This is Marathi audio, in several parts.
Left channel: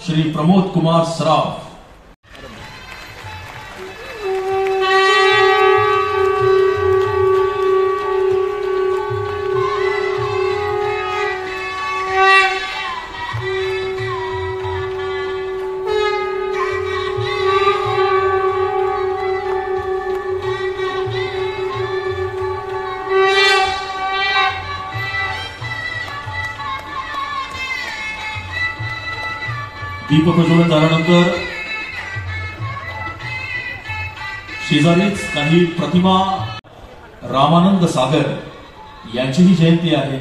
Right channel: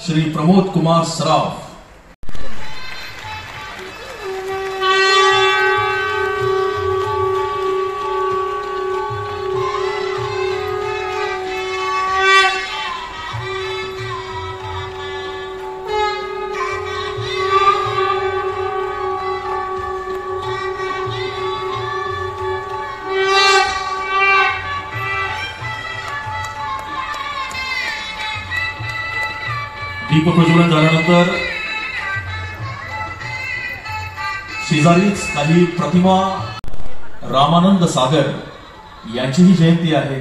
श्री प्रमोद कुमार सराफ। दीप प्रज्वलन झाल्यानंतर शेजारीच काही प्रतिमा रामानंद सागर यांचीही जयंती आहे।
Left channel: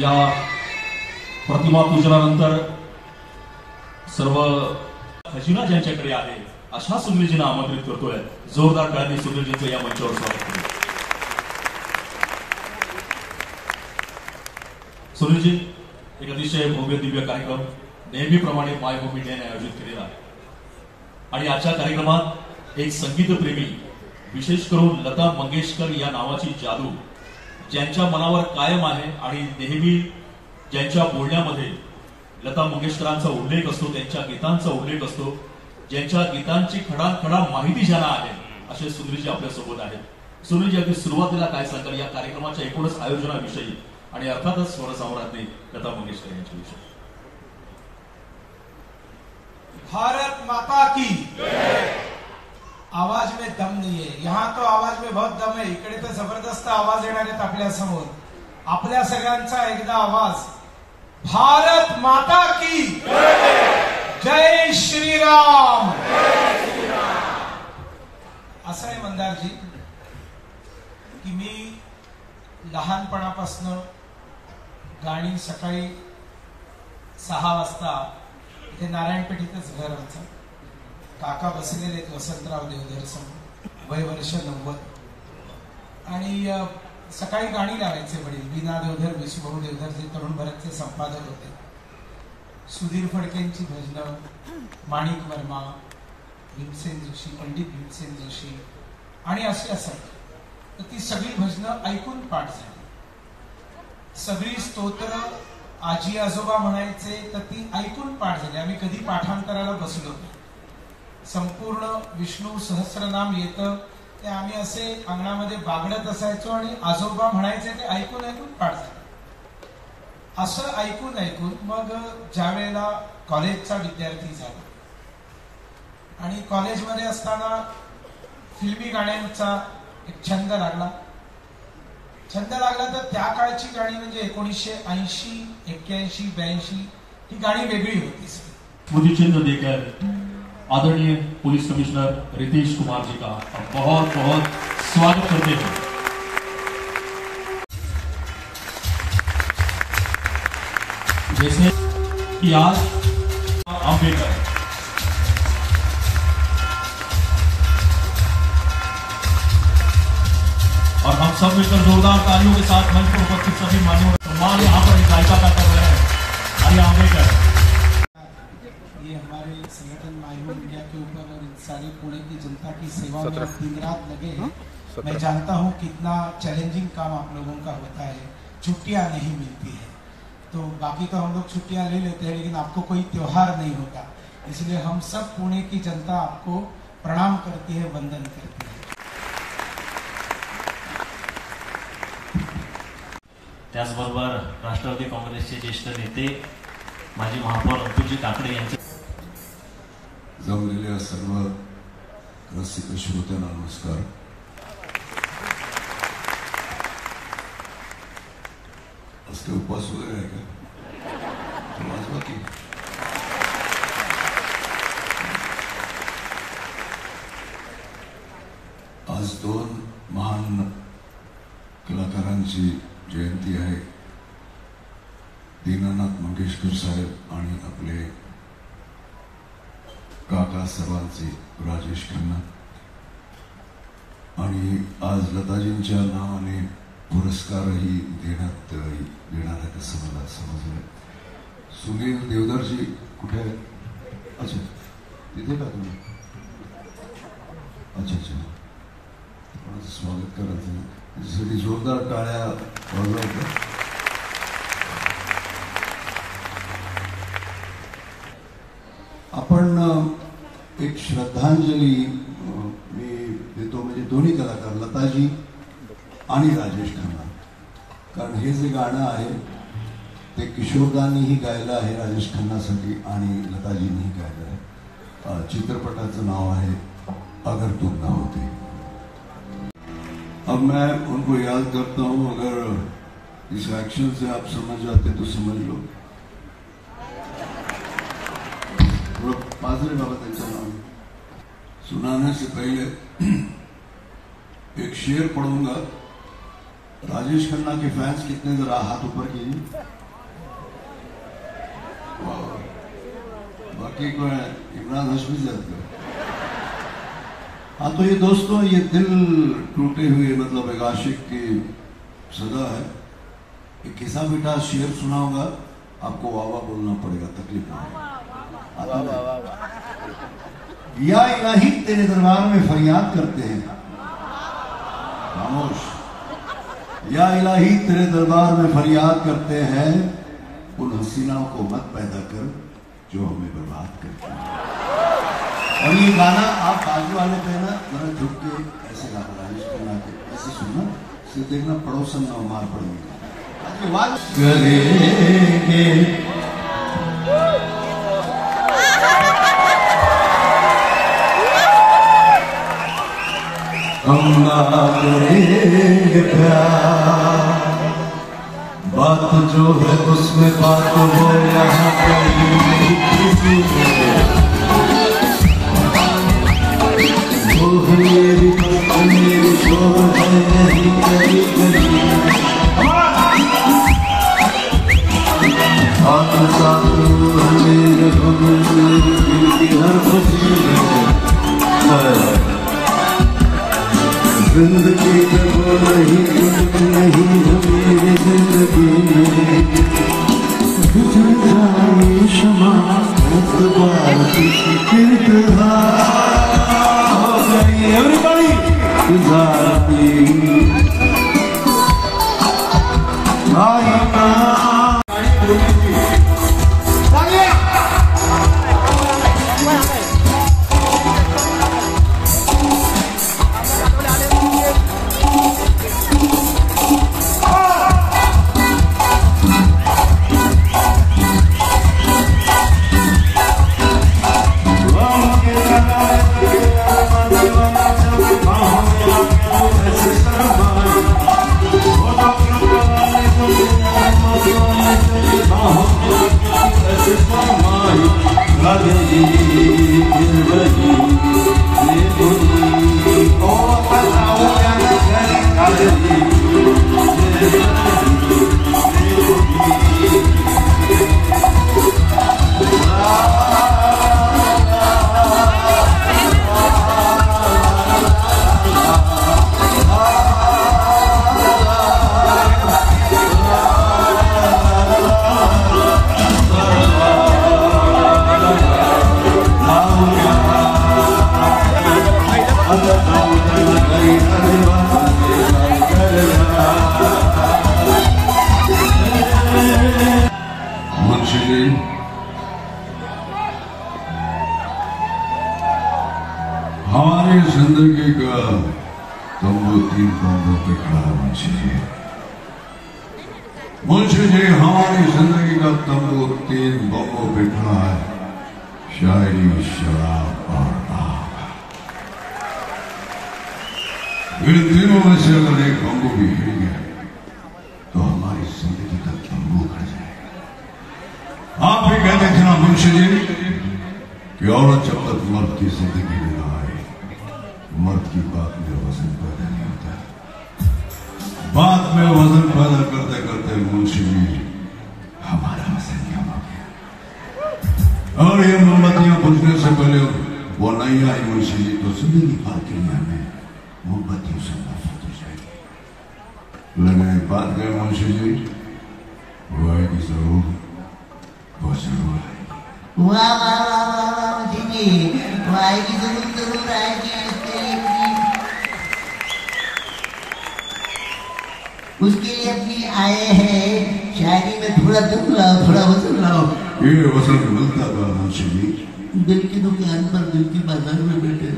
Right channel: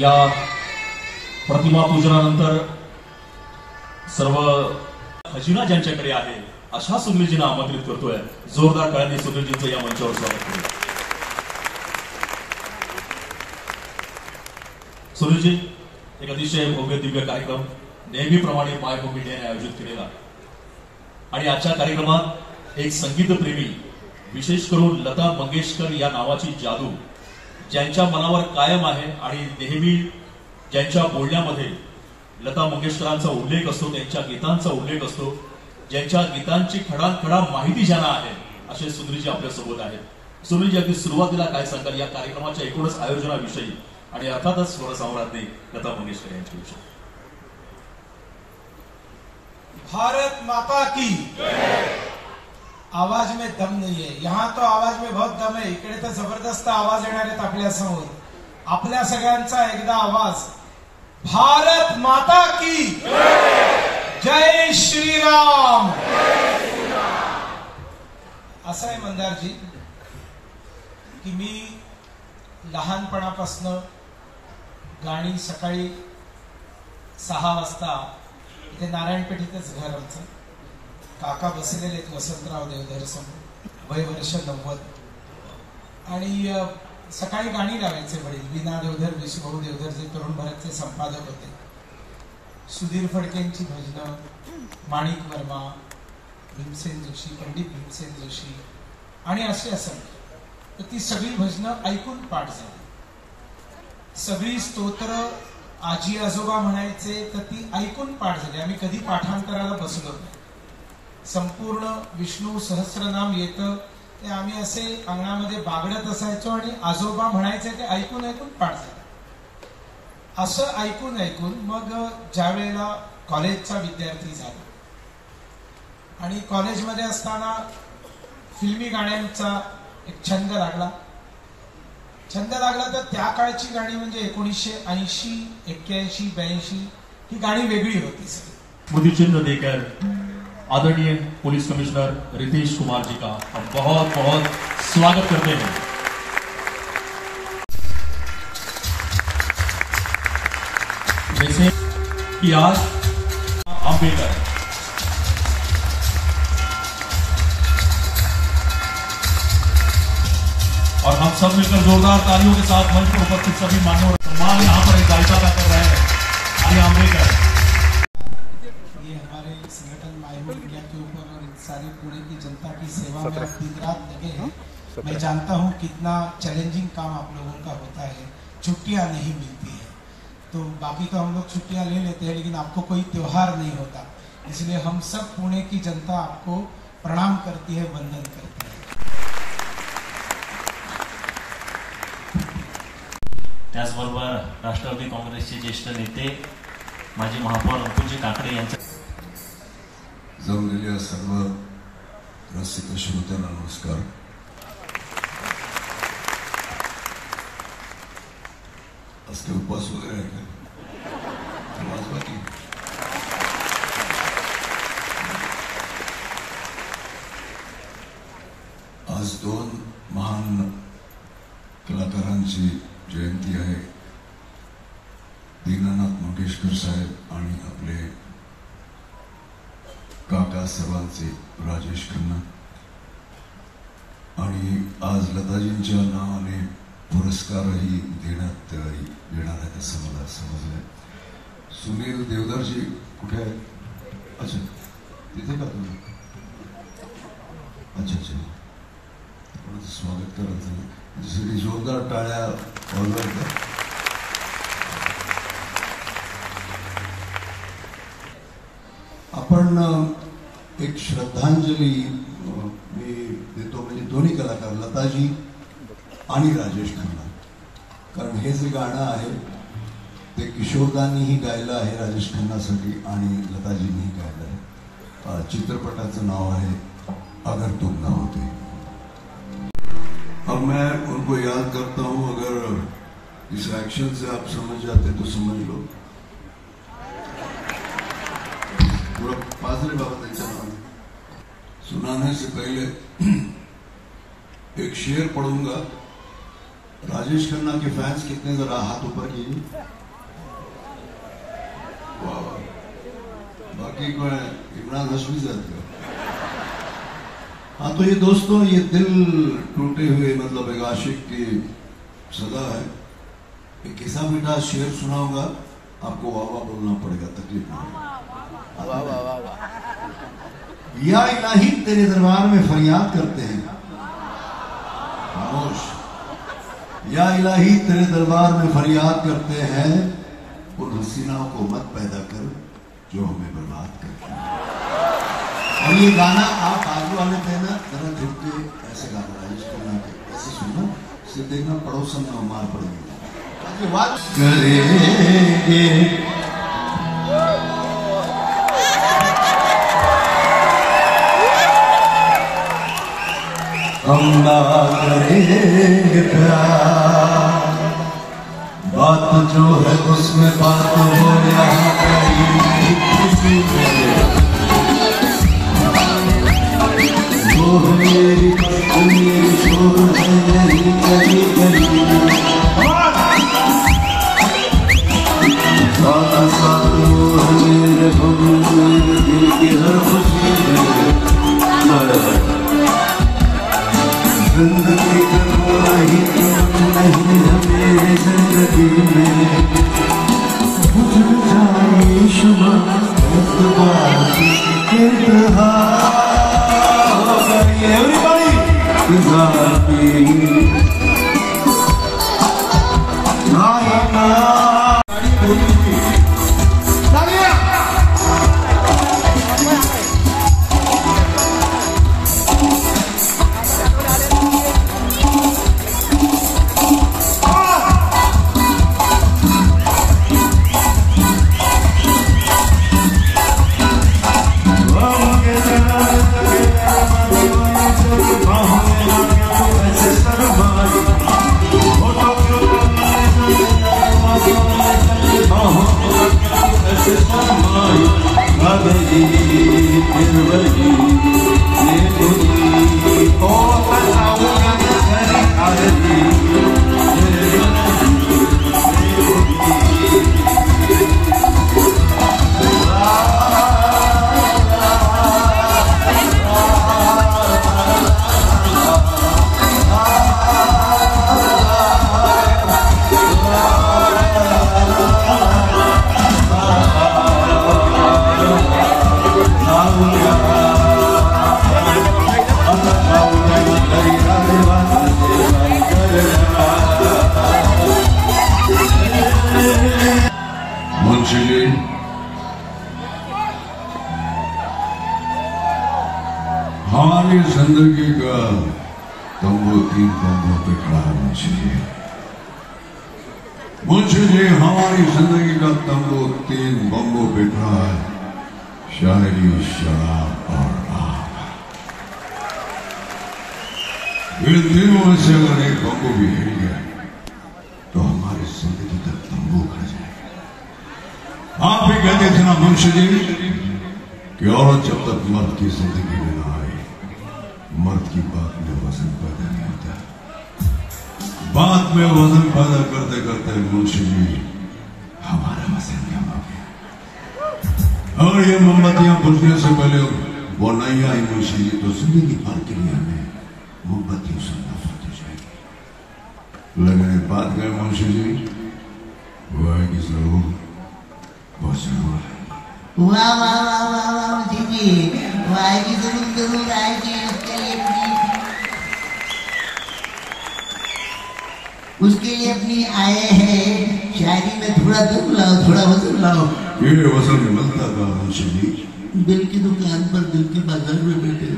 या प्रतिमा पूजनानंतर सर्व खजिना ज्यांच्याकडे आहे अशा सुनीलजींना आमंत्रित करतोय। जोरदार टाळ्यांनी सुनीलजींचं या मंचावर स्वागत करू। सुनीलजी, एक अतिशय भव्य दिव्य कार्यक्रम नेहमीप्रमाणे मायभूमी डे आयोजित केलेला आणि आजच्या कार्यक्रमात एक संगीतप्रेमी, विशेष करून लता मंगेशकर या नावाची जादू ज्यांच्या मनावर कायम आहे आणि नेहमी ज्यांच्या बोलण्यामध्ये लता मंगेशकरांचा उल्लेख असतो, त्यांच्या गीतांचा उल्लेख असतो, ज्यांच्या गीतांची खडानखडा माहिती ज्यांना आहे, असे सुनीलजी आपल्यासोबत आहेत। सुनीलजी, अगदी सुरुवातीला काय सांगाल या कार्यक्रमाच्या एकूणच आयोजनाविषयी आणि अर्थातच स्वरसम्राज्ञी लता मंगेशकर यांच्याविषयी? भारत माता की आवाज में दम नहीं है, यहाँ तो आवाज में बहुत दम है। इकडे तर जबरदस्त आवाज येणार आहेत आपल्या समोर। आपल्या सगळ्यांचा एकदा आवाज, भारत माता की जय श्रीराम। असं आहे मंदारजी की मी लहानपणापासून गाणी सकाळी 6 वाजता इथे नारायणपेठेतच घर होतं। काका बसलेले आहेत वसंतराव देवधर समोर, वय वर्ष 90, आणि सकाळी गाणी लावायचे वडील। विना देवधर, विशुभाऊ देवधर जे तरुण भारतचे संपादक होते, सुधीर फडकेंची भजनं, माणिक वर्मा, भीमसेन जोशी, पंडित भीमसेन जोशी आणि असे असंख्य। तर ती सगळी भजनं ऐकून पाठ झाली। सगळी स्तोत्र आजी आजोबा म्हणायचे तर ती ऐकून पाठ झाली। आम्ही कधी पाठांतराला बसलो नाही। संपूर्ण विष्णू सहस्रनाम येतं ते आम्ही असे अंगणामध्ये बागडत असायचो आणि आजोबा म्हणायचे ते ऐकून ऐकून पाठ झाले। असं ऐकून ऐकून मग ज्या वेळेला कॉलेजचा विद्यार्थी झाला आणि कॉलेजमध्ये असताना फिल्मी गाण्यांचा एक छंद लागला तर त्या काळची गाणी म्हणजे 1980, 81, 82 ही गाणी वेगळी होती। स्मृतिचिन्ह देकर आदरणीय पुलिस कमिश्नर रितेश कुमार जी का बहुत बहुत स्वागत करते हैं। जैसे कि आज अम्बेडकर और हम सब मिलकर जोरदार तालियों के साथ मंच पर उपस्थित सभी मान्यवर सम्मान यहाँ पर गायिका कर रहे हैं। आर्या अम्बेडकर, ये हमारे संगठन मायभूमि इंडिया के ऊपर और सारी पुणे की जनता की सेवा में दिन रात लगे हैं। मैं जानता हूँ कितना चैलेंजिंग काम आप लोगों का होता है, छुट्टियां नहीं मिलती है। तो बाकी तो हम लोग छुट्टियां ले लेते हैं, लेकिन आपको कोई त्योहार नहीं होता, इसलिए हम सब पुणे की जनता आपको प्रणाम करती है, वंदन करती है। त्याचबरोबर राष्ट्रवादी काँग्रेसचे ज्येष्ठ नेते माजी महापौर अपुजी काकडे यांचे जमलेल्या सर्व रसिक श्रोत्यांना नमस्कार। आज काही उपवास वगैरे आहे काय? आज 2 महान कलाकारांची जयंती आहे, दीनानाथ मंगेशकर साहेब आणि आपले काका सर्वांचे राजेश खन्ना। आणि आज लताजींच्या नावाने पुरस्कारही देण्यात येणार आहे असं मला समजलं। सुनील देवधरजी कुठे आहे? अच्छा, तिथे का तुम्ही? अच्छा अच्छा, माझं स्वागत करायचं ना, त्याच्यासाठी जोरदार टाळ्या वाजवायच्या. आपण एक श्रद्धांजली मी देतो, म्हणजे दोन्ही कलाकार लताजी आणि राजेश खन्ना. कारण हे जे गाणं आहे ते किशोरदांनीही गायलं आहे राजेश खन्नासाठी आणि लताजींनीही गायलं आहे. चित्रपटाचं नाव आहे अगर तुम ना होते. अब मैं उनको याद करता हूं, अगर इस एक्शन से आप समझ जाते तो समझ लो. पाजरे बाबा त्यांच्या नाम सुनाने से पहले एक शेर पढ़ूंगा. राजेश खन्ना के फैंस कितने, जरा हाथ ऊपर कीजिए. बाकी को इमरान हाशमी साहब का. हाँ, तो ये दोस्तों, ये दिल टूटे हुए, मतलब एक आशिक की सजा है. एक किस्सा बेटा शेर सुनाऊंगा, आपको वाह वाह बोलना पड़ेगा, तकलीफ नहीं. या इलाही तेरे दरबार में फरियाद करते हैं. खामोश. या इलाही तेरे दरबार में फरियाद करते हैं, उन हसीनाओं को मत पैदा कर जो हमें बर्बाद करते हैं. और ये गाना आप बाजू वाले पे ना जरा झुक के ऐसे गाना, राजेश खन्ना के ऐसे सुनना, इससे देखना पड़ोसन में मार पड़ेगी. करेंगे हम ना करेंगे प्यार, बात जो है उसमें बात हो यहाँ कहीं वो है मेरी बात, मेरी शोर है यही कहीं कहीं. साथ साथ है मेरे गम, मेरी दिल की हर खुशी में. जिंदगी के वो नहीं तुम नहीं मेरी जिंदगी में. गुजर जाए शमा एतबार की इंतहा हो गई गुजारती. हमारी जिंदगी का तंबू 3 बम्बों के खिलाफ चाहिए. मुझे जी हमारी जिंदगी का तंबू 3 बम्बों पे खड़ा है. शायरी, शराब और बात. इन तीनों में से अगर एक बम्बू भी हिल गया तो हमारी जिंदगी का तंबू उड़ जाएगा. आप ही कहते थे ना मुंशी जी कि औरत जब तक मर्द की जिंदगी में ना आए, मर्द की बात में वजन पैदा नहीं होता. बात में वजन पैदा करते करते मुंशी जी हमारा वजन कम हो गया. और ये मोमबत्तियां बुझने से पहले वो नहीं आई मुंशी जी तो जिंदगी भर के लिए हमें मोमबत्तियों से नफरत हो जाएगी. लगे बात में मुंशी जी वो आएगी जरूर, वो जरूर आएगी. वाह वाह वाह वाह वाह, आएगी जरूर जरूर आएगी. उसके लिए अपनी आए हैं शायरी में थोड़ा दुख लाओ, थोड़ा वजन लाओ। ये वजन मिलता था मुंशी जी। बिल की दुकान पर बिल के बाजार में बैठे,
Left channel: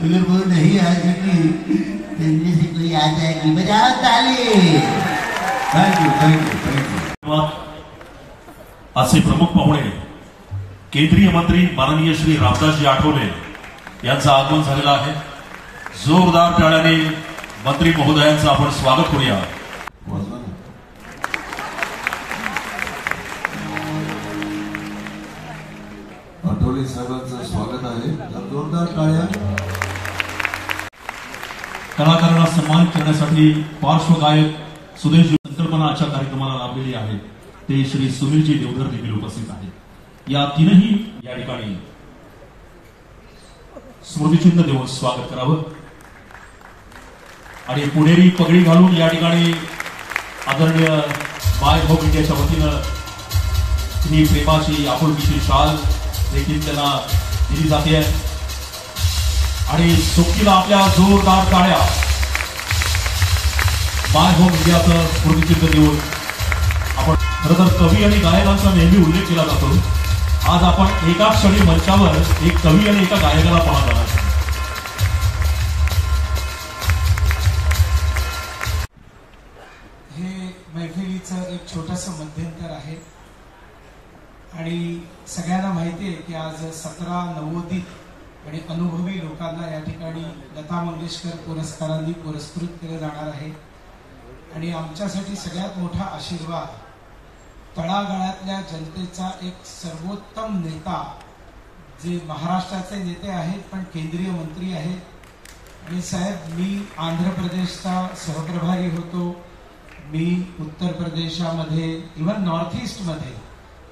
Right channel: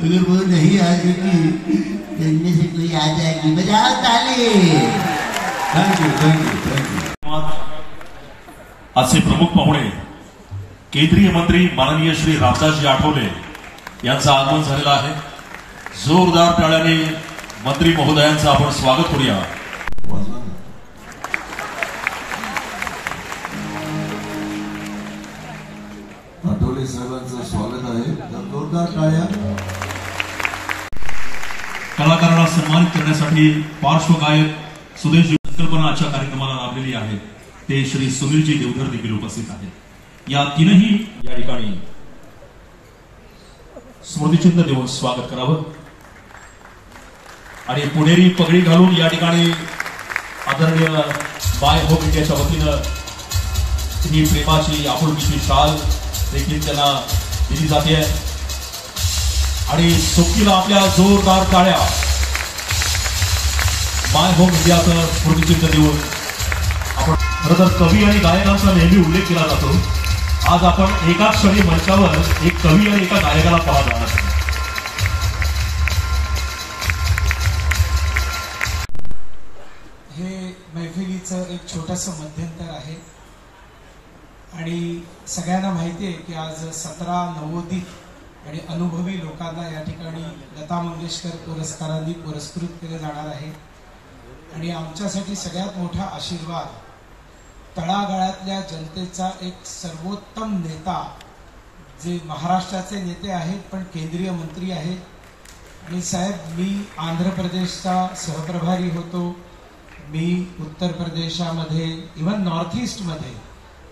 अगर वो नहीं आ सकी इनमें से कोई आ जाएगी। बजाओ ताली। Thank you thank you thank you. आजचे प्रमुख पाहुणे केंद्रीय मंत्री माननीय श्री रामदासजी आठवले यांचं आगमन झालेलं आहे। जोरदार टाळ्याने मंत्री महोदयांचं आपण स्वागत करूया। आठवले साहेबांचं स्वागत आहे, जोरदार टाळ्या। कलाकारांना सन्मानित करण्यासाठी पार्श्वगायक सुदेशजी संकल्पना आजच्या कार्यक्रमाला लाभलेली आहे ते श्री सुनीलजी देवधर देखील उपस्थित आहेत। या तीनही या ठिकाणी स्मृतिचिन्ह देऊन स्वागत करावं आणि पुणेरी पगडी घालून या ठिकाणी आदरणीय बाय होप इंडियाच्या वतीनं ही प्रेमाची आपुलकीची शाल देखील त्यांना दिली जाते आणि सोबतीला आपल्या जोरदार टाळ्या बाय होम इंडियाचं स्मृतिचिन्ह देऊन आपण खरं तर कवी आणि गायकांचा नेहमी उल्लेख केला जातो। आज आपण एकाच क्षणी मंचावर एक कवी आणि एका गायकाला पाहणार आहात। हे मैफिलीचं एक छोटंसं मध्यंतर आहे आणि सगळ्यांना माहिती आहे की आज 17 नवोदित आणि अनुभवी लोकांना या ठिकाणी लता मंगेशकर पुरस्कारांनी पुरस्कृत केले जाणार आहे आणि आमच्यासाठी सगळ्यात मोठा आशीर्वाद तळागाळातल्या जनतेचा एक सर्वोत्तम नेता जे महाराष्ट्राचे नेते आहेत पण केंद्रीय मंत्री आहेत आणि साहेब मी आंध्र प्रदेशचा सहप्रभारी होतो, मी उत्तर प्रदेशामध्ये इव्हन नॉर्थ ईस्ट मध्ये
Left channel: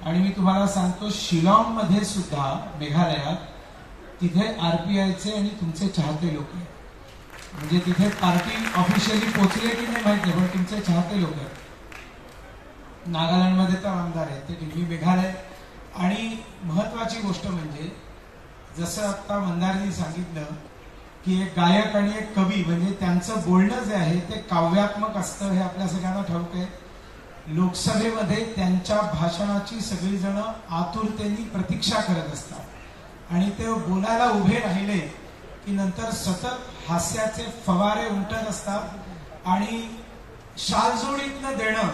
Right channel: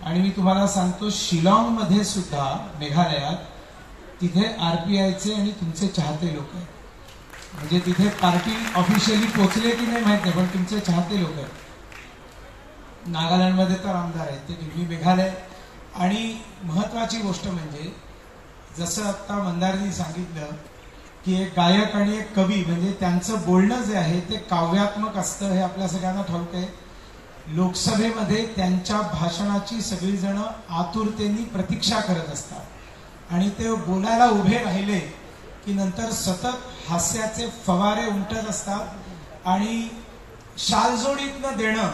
आणि मी तुम्हाला सांगतो शिलाँगमध्ये सुद्धा मेघालयात तिथे आरपीआयचे आणि तुमचे चाहते लोक आहेत, म्हणजे तिथे पार्टी ऑफिशियली पोहोचले की नाही माहित नाही पण तुमचे चाहते लोक आहेत। नागालँडमध्ये तर आमदार आहेत ते दिल्ली मेघालय आणि महत्वाची गोष्ट म्हणजे जसं आता मंदारजी सांगितलं की एक गायक आणि एक कवी म्हणजे त्यांचं बोलणं जे आहे ते काव्यात्मक असतं हे आपल्या सगळ्यांना ठाऊक आहे। लोकसभेमध्ये त्यांच्या भाषणाची सगळीजण आतुरतेने प्रतीक्षा करत असतात आणि ते बोलायला उभे राहिले की नंतर सतत हास्याचे फवारे उमटत असतात आणि शालजोडीतनं देणं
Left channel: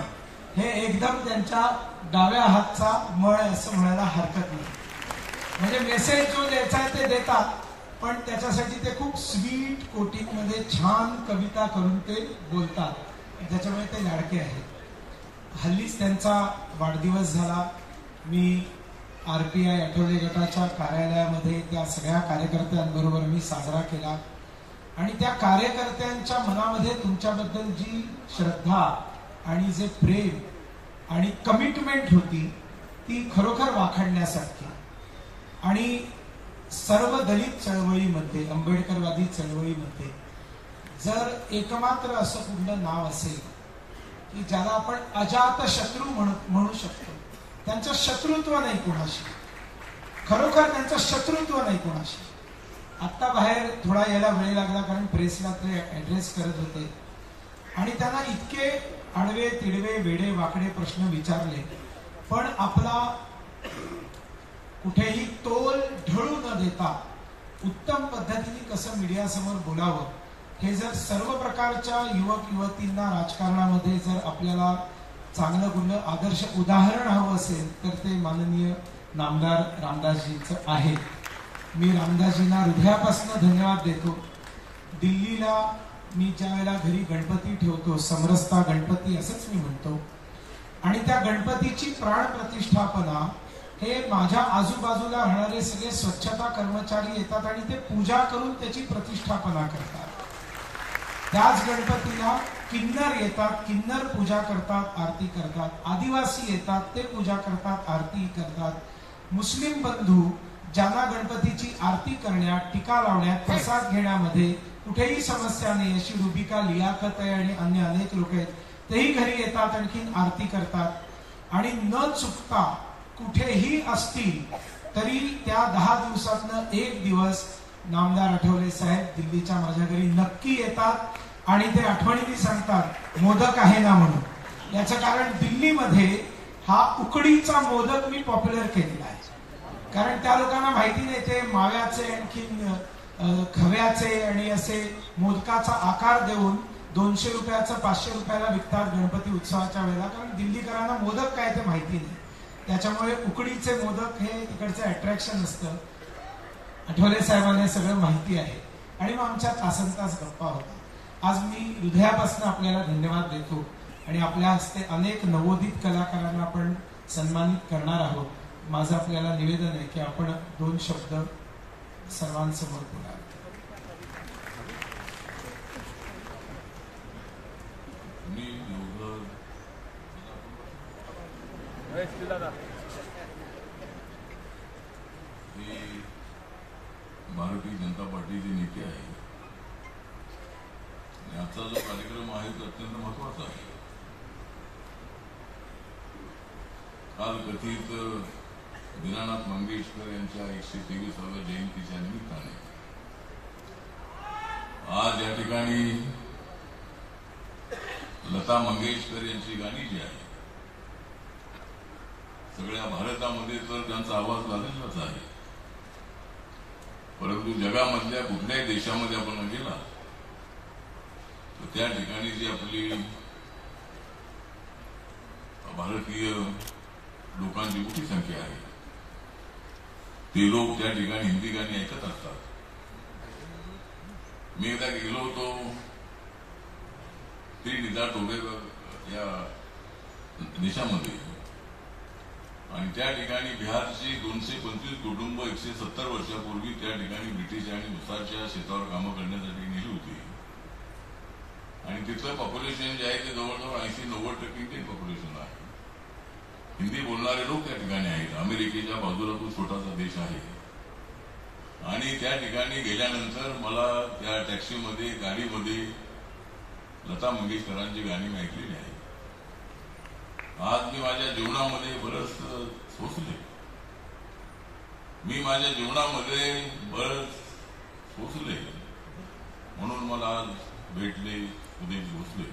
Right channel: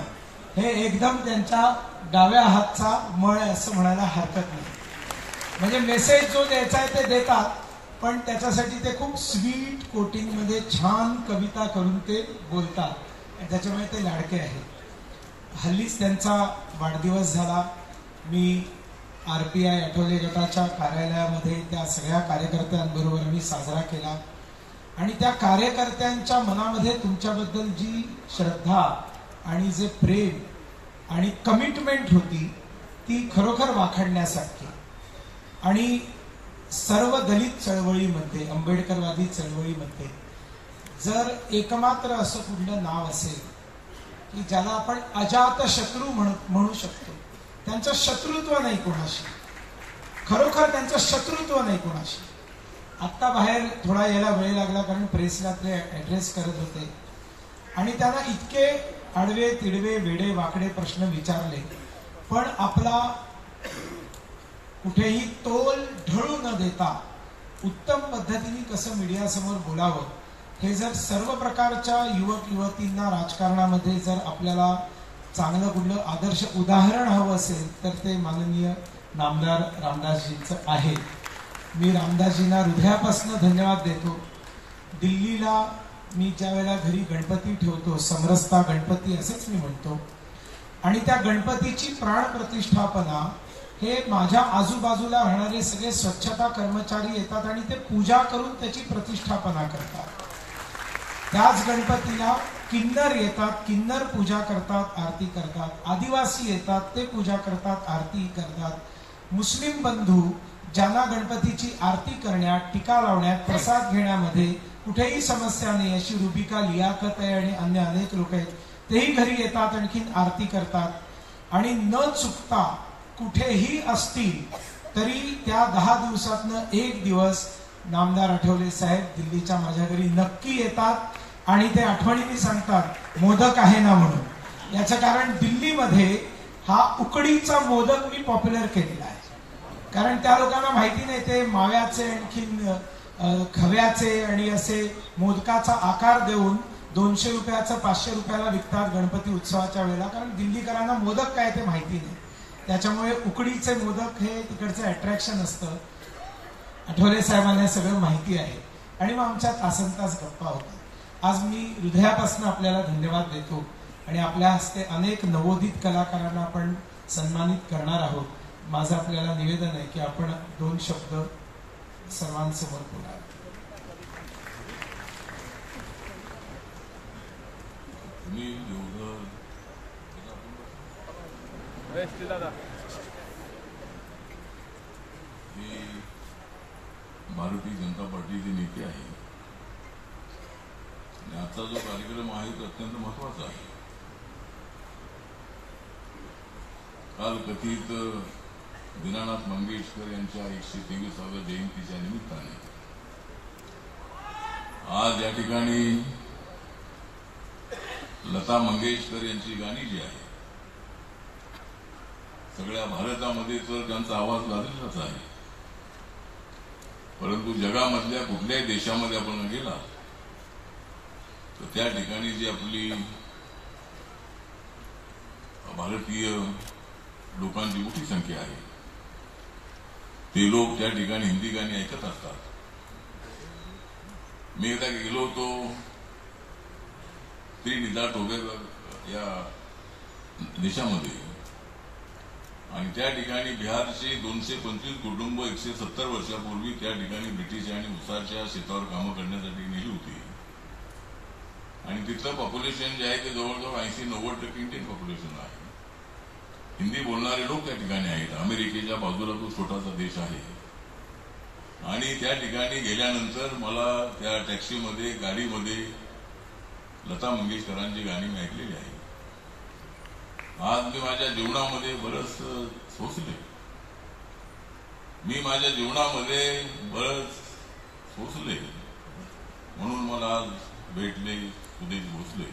हे एकदम त्यांच्या डाव्या हातचा मळ असं म्हणायला हरकत नाही। म्हणजे मेसेज जो द्यायचा आहे ते देतात पण त्याच्यासाठी ते खूप स्वीट कोटिंग मध्ये छान कविता करून ते बोलतात, त्याच्यामुळे ते लाडके आहेत। हल्लीच त्यांचा वाढदिवस झाला, मी आरपीआय आठवले गटाच्या कार्यालयामध्ये त्या सगळ्या कार्यकर्त्यांबरोबर मी साजरा केला आणि त्या कार्यकर्त्यांच्या मनामध्ये तुमच्याबद्दल जी श्रद्धा आणि जे प्रेम आणि कमिटमेंट होती ती खरोखर वाखाणण्यासारखी। आणि सर्व दलित चळवळीमध्ये आंबेडकरवादी चळवळीमध्ये जर एकमात्र असं कुठलं नाव असेल की ज्याला आपण अजात शत्रू म्हणू शकतो, त्यांचं शत्रुत्व नाही कोणाशी, खरोखर त्यांचं शत्रुत्व नाही कोणाशी। आत्ता बाहेर थोडा यायला वेळ लागला कारण प्रेसला ते ऍड्रेस करत होते आणि त्यांना इतके आडवे तिडवे वेडे वाकडे प्रश्न विचारले पण आपला कुठेही तोल ढळू न देता उत्तम पद्धतीने कसं मीडियासमोर बोलावं हे जर सर्व प्रकारच्या युवक युवतींना राजकारणामध्ये जर आपल्याला चांगलं कुठलं आदर्श उदाहरण हवं असेल तर ते माननीय नामदार रामदासजींचं आहे। मी रामदासजींना हृदयापासून धन्यवाद देतो। दिल्लीला मी ज्या वेळेला घरी गणपती ठेवतो, समरसता गणपती असेच मी म्हणतो, आणि त्या गणपतीची प्राण प्रतिष्ठापना हे माझ्या आजूबाजूला राहणारे सगळे स्वच्छता कर्मचारी येतात आणि ते पूजा करून त्याची प्रतिष्ठापना करतात। त्याच गणपतीला किन्नर येतात, किन्नर पूजा करतात, आरती करतात, आदिवासी येतात ते पूजा करतात, आरती करतात, मुस्लिम बंधू ज्यांना गणपतीची आरती करण्यात, टीका लावण्यात, प्रसाद घेण्यामध्ये कुठेही समस्या नाही अशी रुबिका लियाकत आहे आणि अन्य अनेक लोक आहेत तेही घरी येतात, आणखीन आरती करतात आणि न चुकता कुठेही असतील तरी त्या 10 दिवसातनं एक दिवस नामदार आठवले साहेब दिल्लीच्या माझ्या घरी नक्की येतात आणि ते आठवणीने सांगतात मोदक आहे ना म्हणून. याचं कारण दिल्लीमध्ये हा उकडीचा मोदक मी पॉप्युलर केलेला आहे. कारण त्या लोकांना माहिती नाही ते माव्याचे आणखीन खव्याचे आणि असे मोदकाचा आकार देऊन 200 रुपयाचं 500 रुपयाला विकतात गणपती उत्सवाच्या वेळेला. कारण दिल्लीकरांना मोदक काय ते माहिती नाही. त्याच्यामुळे उकडीचे मोदक हे तिकडचं अट्रॅक्शन असतं. आठवले साहेबांना सगळं माहिती आहे. आणि मग आमच्या तासनतास गप्पा होतात. आज मी हृदयापासून आपल्याला धन्यवाद देतो आणि आपल्या हस्ते अनेक नवोदित कलाकारांना आपण सन्मानित करणार आहोत. माझं आपल्याला निवेदन आहे की आपण 2 शब्द सर्वांसमोर बोला. भारतीय जनता पार्टीचे नेते आहे आणि आजचा जो कार्यक्रम आहे तो अत्यंत महत्वाचा आहे. काल कथित दीनानाथ मंगेशकर यांच्या 123व्या जयंतीच्या निमित्ताने आज या ठिकाणी लता मंगेशकर यांची गाणी जी आहे सगळ्या भारतामध्ये तर त्यांचा आवाज गाजलेलाच आहे. परंतु जगामधल्या कुठल्याही देशामध्ये आपण गेला तर त्या ठिकाणी जी आपली भारतीय लोकांची मोठी संख्या आहे ते लोक त्या ठिकाणी हिंदी गाणी ऐकत असतात. मी एकदा गेलो होतो त्रिनिदाद टोबॅगो या देशामध्ये आणि त्या ठिकाणी बिहारचे 225 कुटुंब 170 वर्षापूर्वी त्या ठिकाणी ब्रिटिशांनी उसाच्या शेतावर कामं करण्यासाठी नेली होती आणि तिथलं पॉप्युलेशन जे आहे ते जवळजवळ 80-90% इंडियन पॉप्युलेशन आहे. हिंदी बोलणारे लोक त्या ठिकाणी आहेत. अमेरिकेच्या बाजूला तो छोटासा देश आहे आणि त्या ठिकाणी गेल्यानंतर मला त्या टॅक्सीमध्ये गाडीमध्ये लता मंगेशकरांची गाणी मी ऐकलेली आहे. आज मी माझ्या जीवनामध्ये बरंच सोसले. मी माझ्या जीवनामध्ये बरंच सोसले म्हणून मला आज भेटले सुदेश भोसले.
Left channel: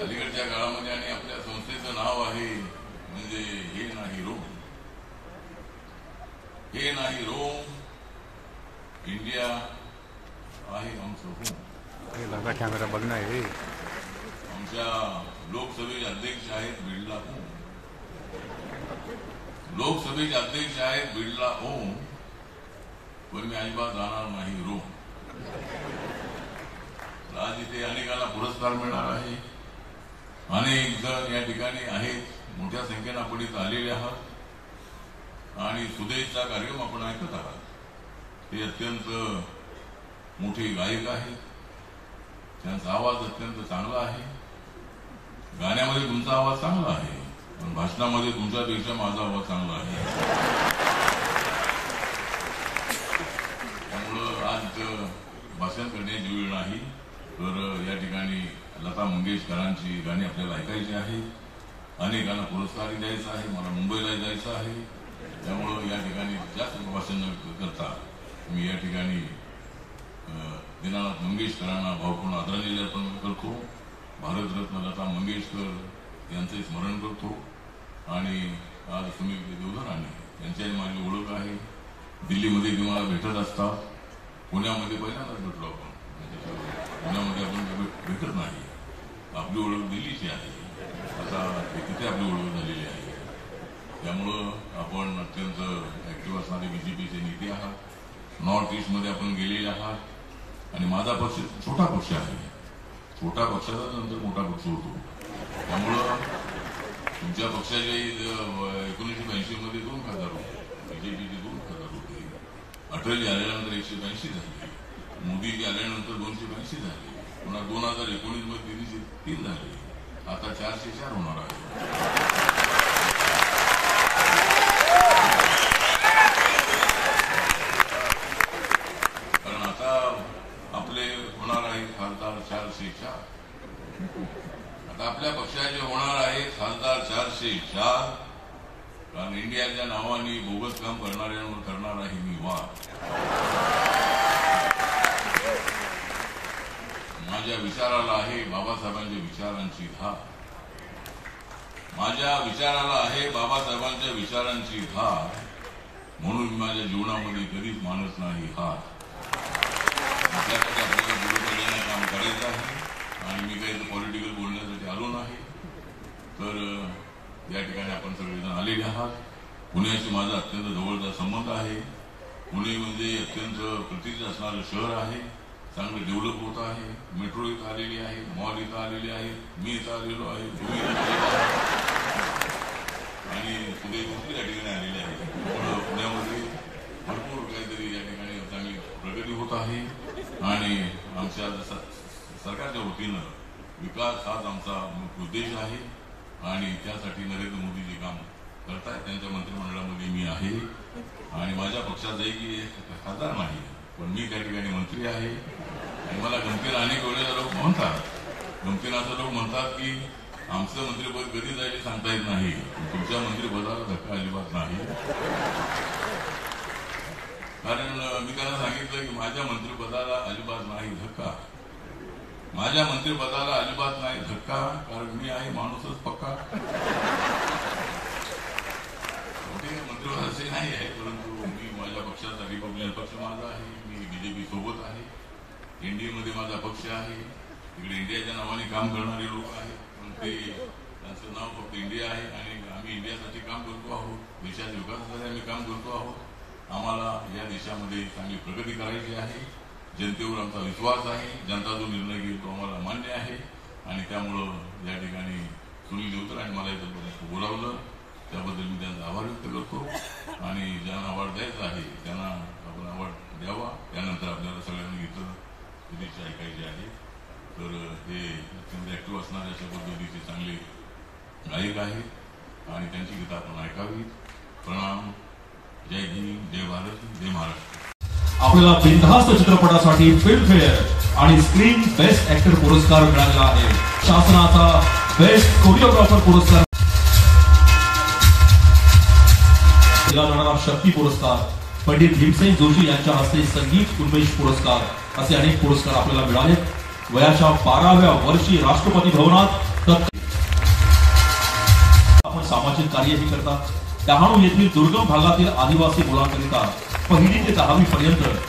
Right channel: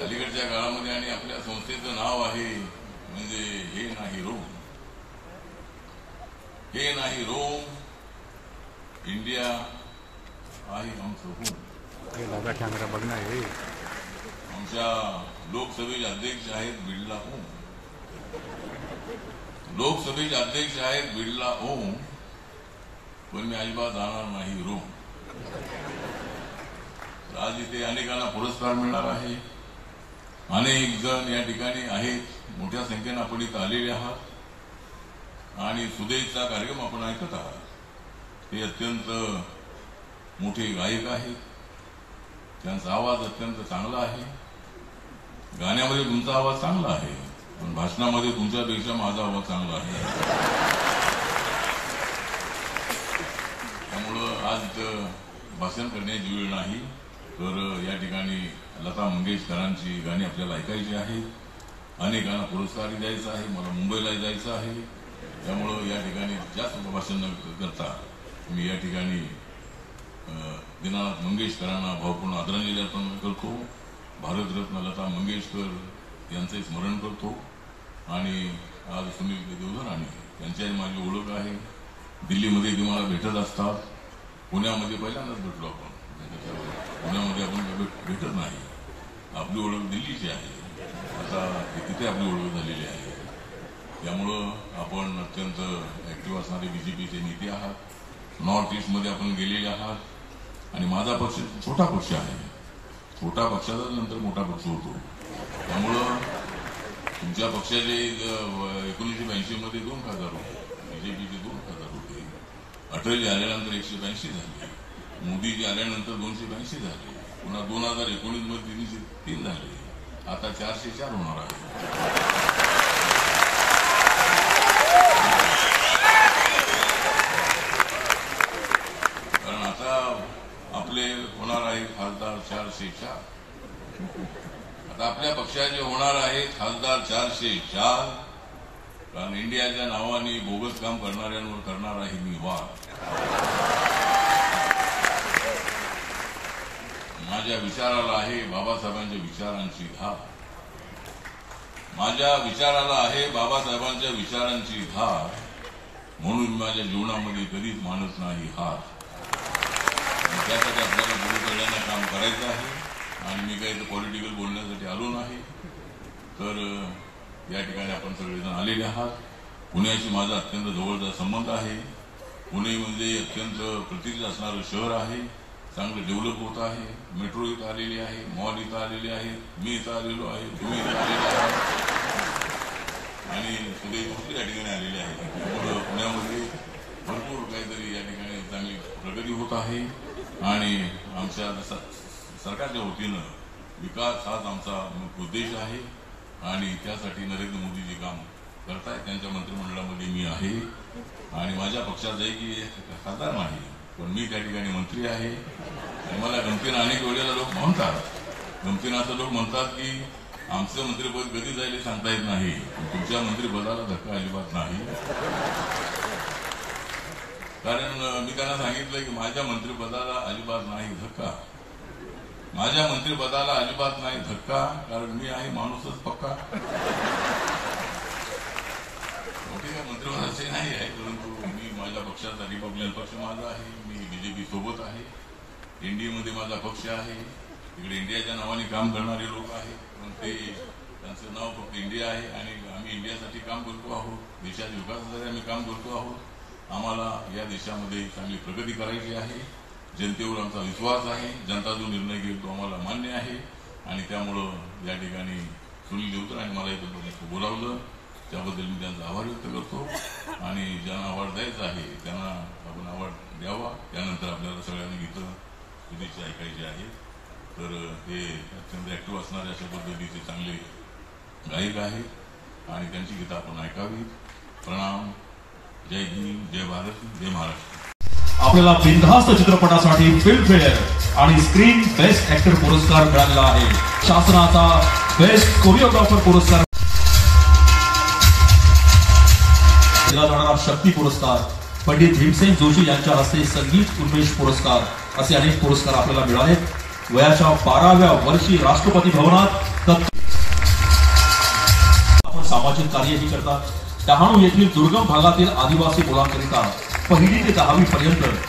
अलीकडच्या काळामध्ये आणि आपल्या संस्थेचं नाव आहे म्हणजे हे नाही रोम, हे नाही रोम, इंडिया आहे हम सोडून. लगा कॅमेरा बघणार आहे. आमच्या लोकसभेचे अध्यक्ष आहेत बिर्ला ओम, लोकसभेचे अध्यक्ष आहेत बिर्ला ओम, पण मी अजिबात जाणार नाही रोम. आज इथे अनेकांना पुरस्कार मिळणार आहे. अनेक जण या ठिकाणी आहेत. मोठ्या संख्येनं आपण इथं आलेले आहात आणि सुदेशचा कार्यक्रम आपण ऐकत आहात. ते अत्यंत मोठे गायक आहेत. त्यांचा आवाज अत्यंत चांगला आहे. गाण्यामध्ये तुमचा आवाज चांगला आहे पण भाषणामध्ये तुमच्यापेक्षा माझा आवाज चांगला आहे. त्यामुळं आज भाषण करण्याची वेळ नाही तर या ठिकाणी लता मंगेशकरांची गाणी आपल्याला ऐकायची आहेत. अनेकांना पुरस्कार द्यायचा आहे. मला मुंबईला जायचं आहे. त्यामुळं या ठिकाणी जास्त भाषण न करता मी या ठिकाणी दीनानाथ मंगेशकरांना भावपूर्ण आदरांजली अर्पण करतो. भारतरत्न लता मंगेशकर यांचे स्मरण करतो आणि आज सुनील देवधरांनी यांच्याही माझी ओळख आहे. दिल्लीमध्ये ती मला भेटत असतात. पुण्यामध्ये पहिल्यांदाच भेटलो आपण. पुण्यामध्ये आपण भेटत नाही. आपली ओळख दिल्लीची आहे. आता तिथे आपली ओळख झालेली आहे. त्यामुळं आपण अत्यंत ऍक्टिव्ह असणारे बीजेपीचे नेते आहात. नॉर्थ ईस्टमध्ये आपण गेलेले आहात आणि माझा पक्ष छोटा पक्ष आहे. छोटा पक्षाचा नंतर मोठा पक्ष होतो. त्यामुळं तुमच्या पक्षाचे 1982 मध्ये 2 खासदार होते. बीजेपीचे 2 खासदार होते. अटलजी आल्यानंतर 182 झाले. मोदीजी आल्यानंतर 282 झाले. पुन्हा 2019 मध्ये 303 झाले. आता 404 होणार आहे. कारण आता आपले होणार आहे खासदार 404. आता आपल्या पक्षाचे होणार आहे खासदार 404 कारण इंडियाच्या नावाने बोगस काम करणाऱ्यांवर करणार आहे मी वार. माझ्या विचाराला आहे बाबासाहेबांच्या विचारांची धार. माझ्या विचाराला आहे बाबासाहेबांच्या विचारांची धार. म्हणून माझ्या जीवनामध्ये कधीच मानत नाही हार. त्यासाठी आपल्याला गुरुकरण्याला काम करायचं आहे आणि मी काही पॉलिटिकल बोलण्यासाठी आलो नाही. तर या ठिकाणी आपण सगळेजण आलेले आहात. पुण्याशी माझा अत्यंत जवळचा संबंध आहे. पुणे म्हणजे अत्यंत प्रसिद्ध असणारं शहर आहे. चांगलं डेव्हलप होत आहे. मेट्रो इथं आलेली आहे, मॉल इथं आलेले आहे, मी इथं आलेलो आहे, तुम्ही इथं आलेले आहे आणि सगळे या ठिकाणी आलेले आहेत. पुण्यामध्ये भरपूर काहीतरी या ठिकाणी चांगली प्रगती होत आहे आणि आमच्या सरकारच्या वतीनं विकास हाच आमचा मुख्य उद्देश आहे आणि त्यासाठी नरेंद्र मोदीजी काम करतायत. त्यांच्या मंत्रिमंडळामध्ये मी आहे आणि माझ्या पक्षाचा एक खासदार नाही, पण मी त्या ठिकाणी मंत्री आहे आणि मला गमतीनं अनेक वेळेला लोक म्हणतात, गमतीनं असं लोक म्हणतात की आमचं मंत्रिपद कधी जाईल सांगता येत नाही, तुमच्या मंत्रिपदाला धक्का अजिबात नाही. कारण मी त्यांना सांगितलं की माझ्या मंत्रिपदाला अजिबात नाही धक्का, माझ्या मंत्रिपदाला अजिबात नाही धक्का, कारण मी आहे माणूसच पक्का. मंत्रिपदाचे नाही आहे, परंतु मी माझ्या पक्षाचा रिपब्लिकन पक्ष माझा आहे, मी बीजेपी सोबत आहे, एनडीएमध्ये माझा पक्ष आहे. तिकडे इंडियाच्या नावाने काम करणारे लोक आहेत, पण ते त्यांचं नाव फक्त इंडिया आहे आणि आम्ही इंडियासाठी काम करतो आहोत. देशाच्या विकासासाठी आम्ही काम करतो आहोत. आम्हाला या देशामध्ये चांगली प्रगती करायची आहे. जनतेवर आमचा विश्वास आहे. जनता जो निर्णय घेईल तो आम्हाला मान्य आहे आणि त्यामुळं या ठिकाणी सुनील देवतरांनी मला इथं बोलावलं, त्याबद्दल मी त्यांचा आभार व्यक्त करतो आणि ज्यांना अवॉर्ड द्यायचा आहे त्यांना आपण अवॉर्ड द्यावा. त्यानंतर आपल्याला सगळ्यांना गीतं शुभेच्छा ऐकायची आहे. तर हे अत्यंत ऍक्टिव्ह असणारे अशा पद्धतीचे चांगले गायक आहेत आणि त्यांची गीतं आपण ऐकावी. प्रणाम. जय हिंद, जय भारत, जय महाराष्ट्र. आपल्याला बिनधास्त चित्रपटासाठी फिल्मफेअर आणि स्क्रीन बेस्ट ऍक्टर पुरस्कार मिळालेला आहे. शासनाचा बेस्ट कोरिओग्राफर पुरस्कार, शक्ती पुरस्कार, पंडित भीमसेन जोशी यांच्या हस्ते संगीत उन्मेष पुरस्कार असे अनेक पुरस्कार आपल्याला मिळाले. वयाच्या 12व्या वर्षी राष्ट्रपती भवनात आपण सामाजिक कार्यही करतात. डहाणू येथील दुर्गम भागातील आदिवासी मुलांकरिता 1ली ते 10वी पर्यंत करतात.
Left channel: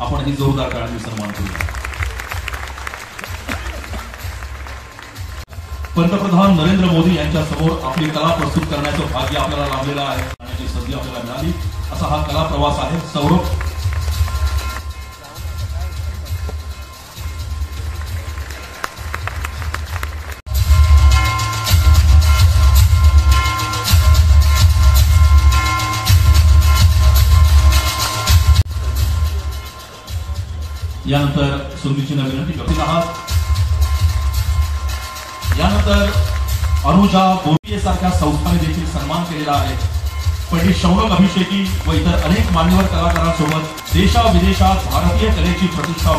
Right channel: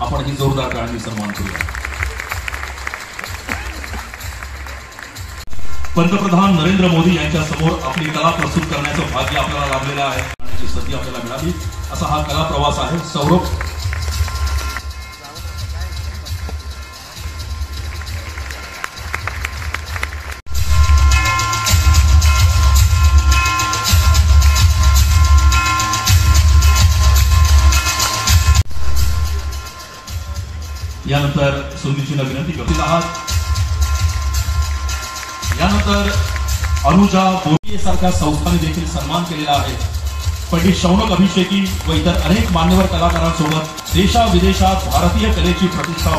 आपण ही जोरदार टाळ्यांनी सन्मान करूया. पंतप्रधान नरेंद्र मोदी यांच्या समोर आपली कला प्रस्तुत करण्याचं भाग्य आपल्याला लाभलेलं आहे आणि संधी आपल्याला मिळाली. असा हा कला प्रवास आहे. सौरभ यानंतर सुंदीचीला विनंती करत आहात. यानंतर अनुजा बोर्गे सारख्या संस्थांनी देखील सन्मान केलेला आहे. पंडित शौनक अभिषेकी व इतर अनेक मान्यवर कलाकारांसोबत देशाविदेशात भारतीय कलेची प्रतिष्ठा,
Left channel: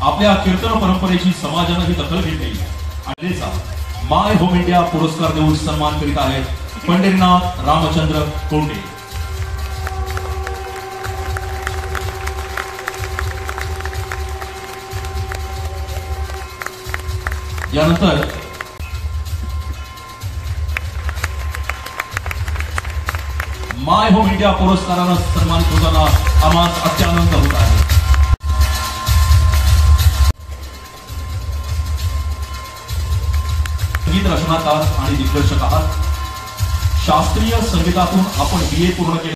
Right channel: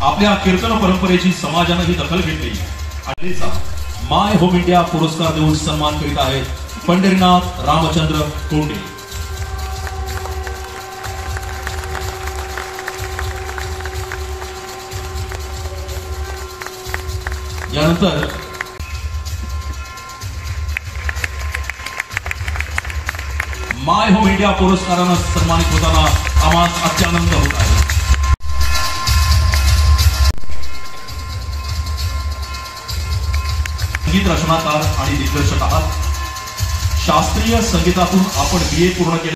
आपल्या कीर्तन परंपरेची समाजानं ही दखल घेतली आणि माय होम इंडिया पुरस्कार देऊन सन्मान करीत आहेत पंढरीनाथ रामचंद्र तोंडे. यानंतर माय होम इंडिया पुरस्कारानं सन्मानित होताना आम्हाला अत्यानंद होत आहे. संगीत रचनाकार आणि दिग्दर्शक आहात. शास्त्रीय संगीतातून आपण BA पूर्ण केले.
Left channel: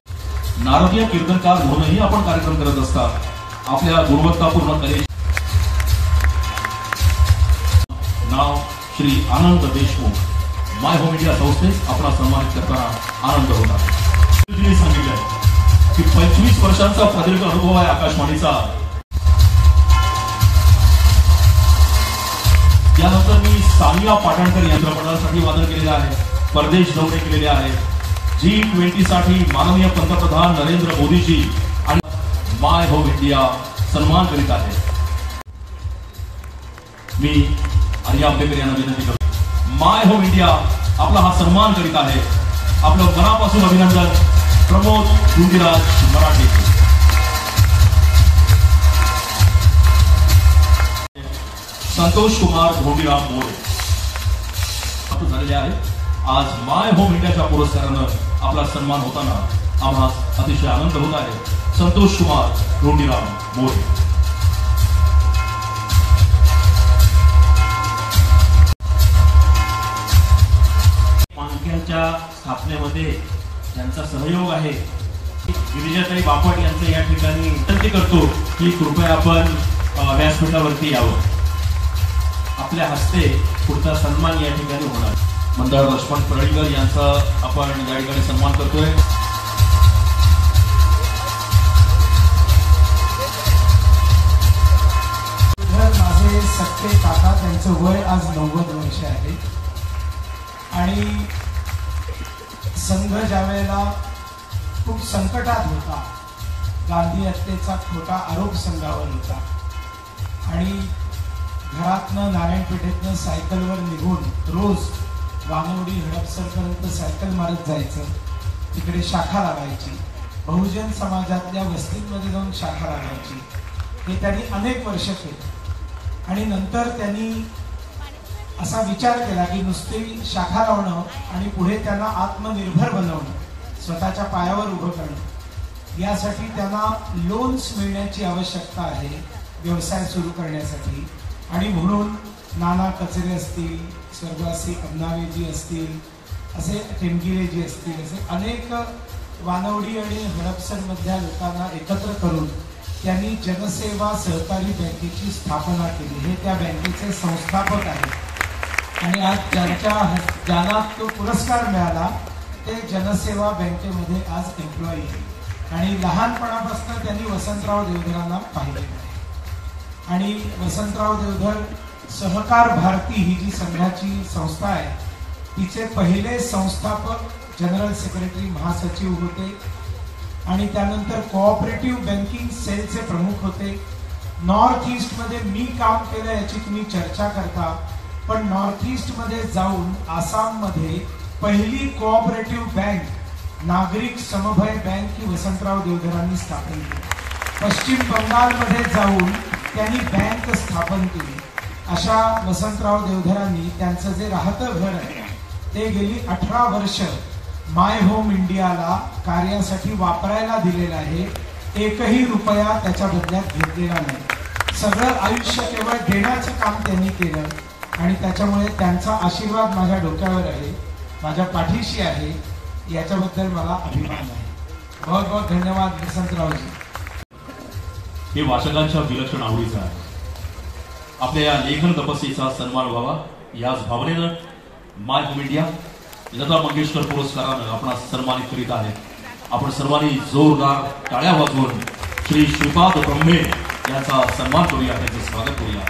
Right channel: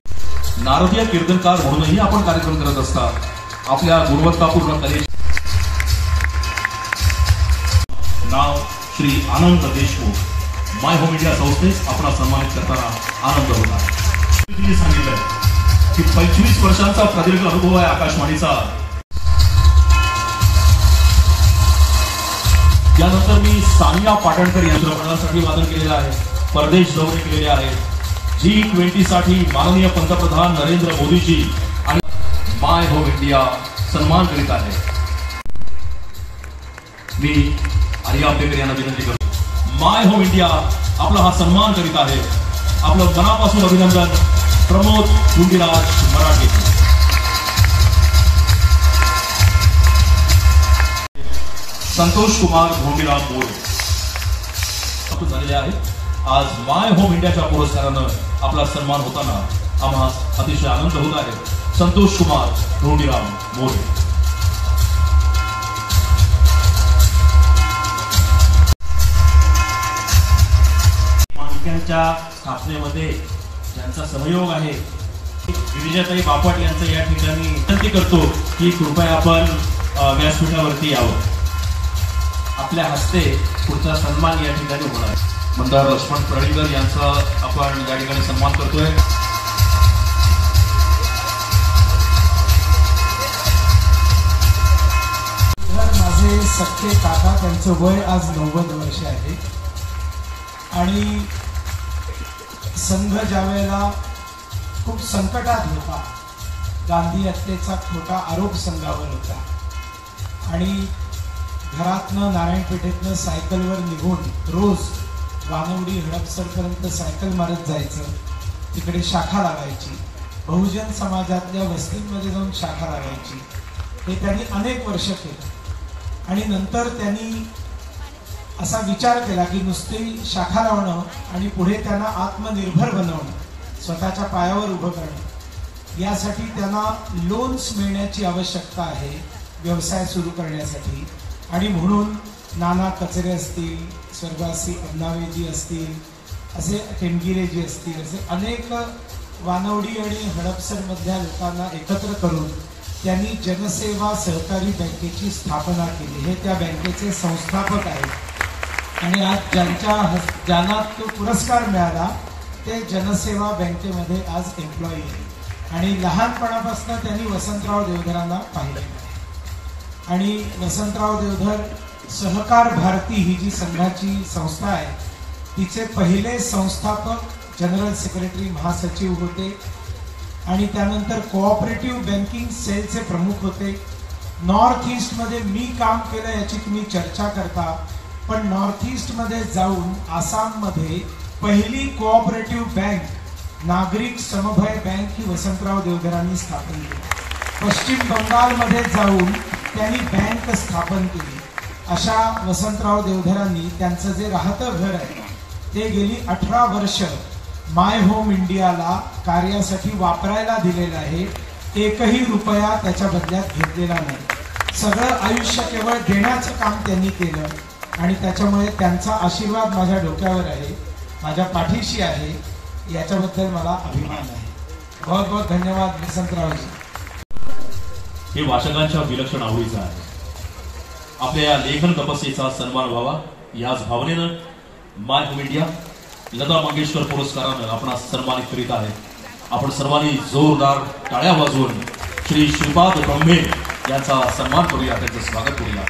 नारदीय कीर्तनकार म्हणूनही आपण कार्यक्रम करत असतात. आपल्या गुणवत्तापूर्ण कलेचे नाव श्री आनंद देशमुख. माय होम इंडिया संस्थेस आपण सन्मानित करताना आनंद होत आहे. सांगितलं की 25 वर्षांचा प्रदीर्घ अनुभव आहे आकाशवाणीचा. यानंतर मी सानिया पाटणकर या चित्रपटासाठी वादन केलेलं आहे. परदेश दौरे केलेले आहेत. G20 साठी माननीय पंतप्रधान नरेंद्र मोदीजी आणि माय होम इंडिया सन्मान करीत आहे. मी आणि या बेकर यांना विनंती करतो. माय होम इंडिया आपला हा सन्मान करीत आहे. आपलं मनापासून अभिनंदन प्रमोद धुंडीराज मराठे. संतोष कुमार धोंडीराम मोरे झालेले आहेत. आज माय होम इंडियाच्या पुरस्कारानं आपला सन्मान होताना आम्हाला अतिशय आनंद होत आहे. संतोष कुमार धोंडीराम मोरे. मानक्यांच्या स्थापनेमध्ये ज्यांचा सहयोग आहे गिरिजाताई बापट यांचं या ठिकाणी विनंती करतो की कृपया आपण व्यासपीठावरती यावं. आपल्या हस्ते पुढचा सन्मान या ठिकाणी होणार. मंदार लक्ष्मण प्रणीकर यांचा आपण या ठिकाणी सन्मान करतोय. माझे सख्खे काका, त्यांचं वय आज 90 वर्ष आहे आणि संघ ज्या वेळेला खूप संकटात होता, गांधी हत्येचा खोटा आरोप संघावर होता आणि घरातनं नारायणपेठेतनं सायकलवर निघून रोज वानवडी हडपसरपर्यंत सायकल मारत जायचं. तिकडे शाखा लागायची, बहुजन समाजातल्या वस्तींमध्ये जाऊन शाखा लागायची. हे त्यांनी अनेक वर्ष केलं आणि नंतर त्यांनी असा विचार केला की नुसती शाखा लावणं आणि पुढे त्यांना आत्मनिर्भर बनवणं, स्वतःच्या पायावर उभं करणं, यासाठी त्यांना लोन्स मिळण्याची आवश्यकता आहे व्यवसाय सुरू करण्यासाठी. आणि म्हणून नाना कचरे असतील, स्वर्गासी अण्णावेजी असतील, असे टेमगिरेजी असतील, असे अनेक वानवडी आणि हडपसरमधल्या लोकांना एकत्र करून त्यांनी जनसेवा सहकारी बँकेची स्थापना केली. हे त्या बँकेचे संस्थापक आहेत आणि आज ज्यांना तो पुरस्कार मिळाला ते जनसेवा बँकेमध्ये आज एम्प्लॉई आहे आणि लहानपणापासून त्यांनी वसंतराव देवधरांना पाहिलं आणि वसंतराव देवधर सहकार भारती ही जी संघाची संस्था आहे तिचे पहिले संस्थापक जनरल सेक्रेटरी महासचिव होते आणि त्यानंतर कोऑपरेटिव्ह बँकिंग सेलचे प्रमुख होते. नॉर्थ ईस्ट मध्ये मी काम केलं याची तुम्ही चर्चा करता, पण नॉर्थ ईस्ट मध्ये जाऊन आसाममध्ये पहिली कोऑपरेटिव्ह बँक नागरिक समभय बँक ही वसंतराव देवधरांनी स्थापन केली. पश्चिम बंगालमध्ये जाऊन त्यांनी बँक स्थापन केली. अशा वसंतराव देवधरांनी त्यांचं जे राहतं घर आहे ते गेली 18 वर्ष माय होम इंडियाला कार्यासाठी वापरायला दिलेलं आहे. एकही रुपया त्याच्या बदल्यात घेतलेला नाही. सगळं आयुष्य केवळ देण्याचं काम त्यांनी केलं आणि त्याच्यामुळे त्यांचा आशीर्वाद माझ्या डोक्यावर आहे, माझ्या पाठीशी आहे. याच्याबद्दल मला अभिमान आहे. बहुत बहुत धन्यवाद वसंतरावजी. हे वाचकांच्या विलक्षण आवडीचं आहे. आपल्या या लेखन तपस्येचा सन्मान व्हावा याच भावनेनं माय होम इंडिया लता मंगेशकर पुरस्कारानं आपण सन्मानित करीत आहे. आपण सर्वांनी जोरदार टाळ्या वाजवून श्री श्रीपाद ब्रह्मे यांचा सन्मान करूया, त्यांचं स्वागत करूया.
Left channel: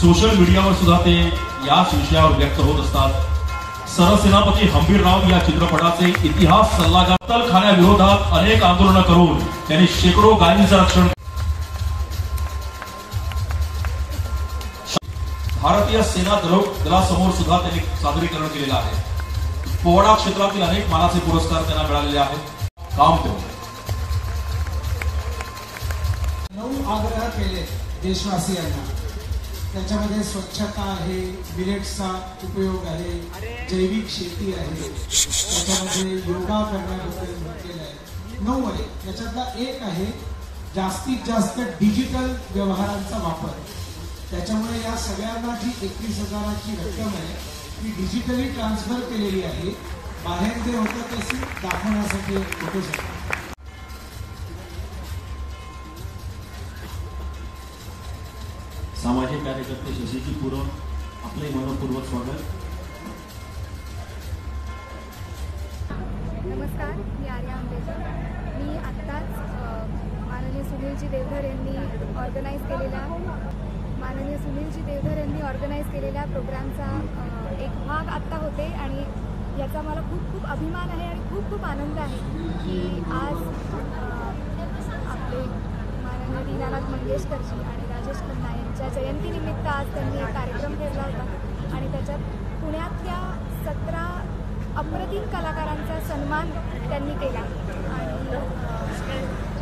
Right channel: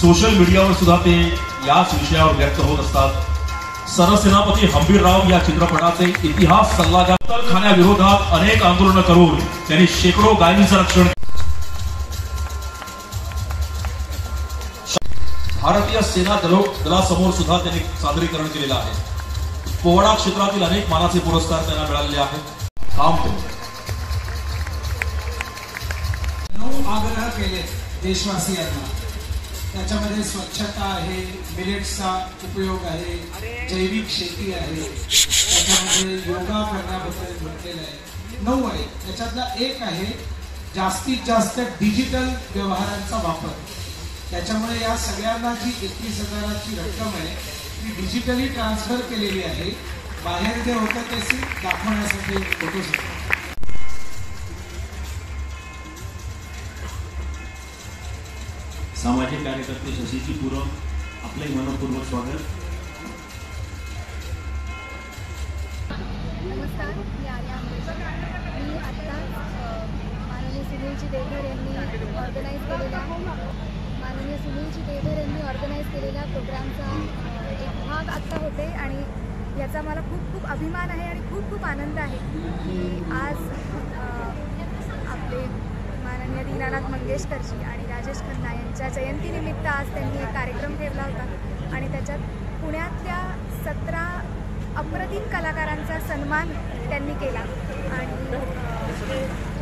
सोशल मीडियावर सुद्धा ते याच विषयावर व्यक्त होत असतात. सरसेनापती हंबीरराव या चित्रपटाचे इतिहास सल्लागार खाण्याविरोधात अनेक आंदोलनं करून त्यांनी शेकडो गायींचं रक्षण. भारतीय सेना दलासमोर सुद्धा त्यांनी सादरीकरण केलेलं आहे. पोवाडा क्षेत्रातील अनेक मानाचे पुरस्कार त्यांना मिळालेले आहेत. काम करू. 9 आग्रह केले देशवासियांना. त्याच्यामध्ये स्वच्छता आहे, मिलेट्सचा उपयोग आहे, जैविक शेती आहे, त्याच्यामध्ये योगा करण्याबद्दल म्हटलेलं आहे. 9 आहे. त्याच्यातला एक आहे जास्तीत जास्त डिजिटल व्यवहारांचा वापर. त्याच्यामुळे या सगळ्यांना जी 21,000ची रक्कम आहे ती डिजिटली ट्रान्सफर केलेली आहे. बाहेर जे होतं ते सिर्फ दाखवण्यासाठी फोटोसाठी. सामाजिक कार्यकर्ते शशिकी पूरम, आपले मनपूर्वक स्वागत. नमस्कार, मी आर्या आंबेकर. मी आत्ताच माननीय सुनीलजी देवधर यांनी ऑर्गनाईज केलेल्या प्रोग्रामचा एक भाग आत्ता होते आणि याचा मला खूप खूप अभिमान आहे आणि खूप खूप आनंद आहे की आज आपले दीनानाथ मंगेशकरजी आणि राजेश खन्ना यांच्या जयंतीनिमित्त आज त्यांनी एक कार्यक्रम ठेवला होता आणि त्याच्यात पुण्यातल्या 17 अप्रतिम कलाकारांचा सन्मान त्यांनी केला आणि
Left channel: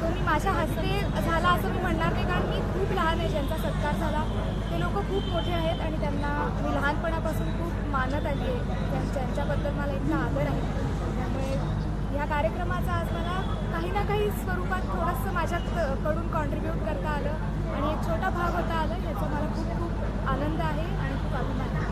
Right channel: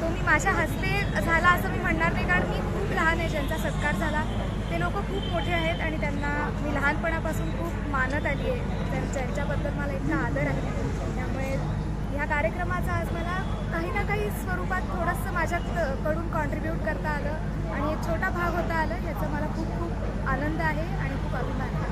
तो मी माझ्या हस्ते झाला असं मी म्हणणार नाही, कारण मी खूप लहान आहे. ज्यांचा सत्कार झाला ते लोक खूप मोठे आहेत आणि त्यांना मी लहानपणापासून खूप मानत आली आहे. त्यांच्याबद्दल मला इतका आदर आहे. त्यामुळे ह्या कार्यक्रमाचा आज मला काही ना काही स्वरूपात थोडंसं माझ्याकडून कॉन्ट्रीब्यूट करता आलं आणि एक छोटा भाग होता आलं, याचा मला खूप खूप आनंद आहे आणि खूप अभिमान आहे.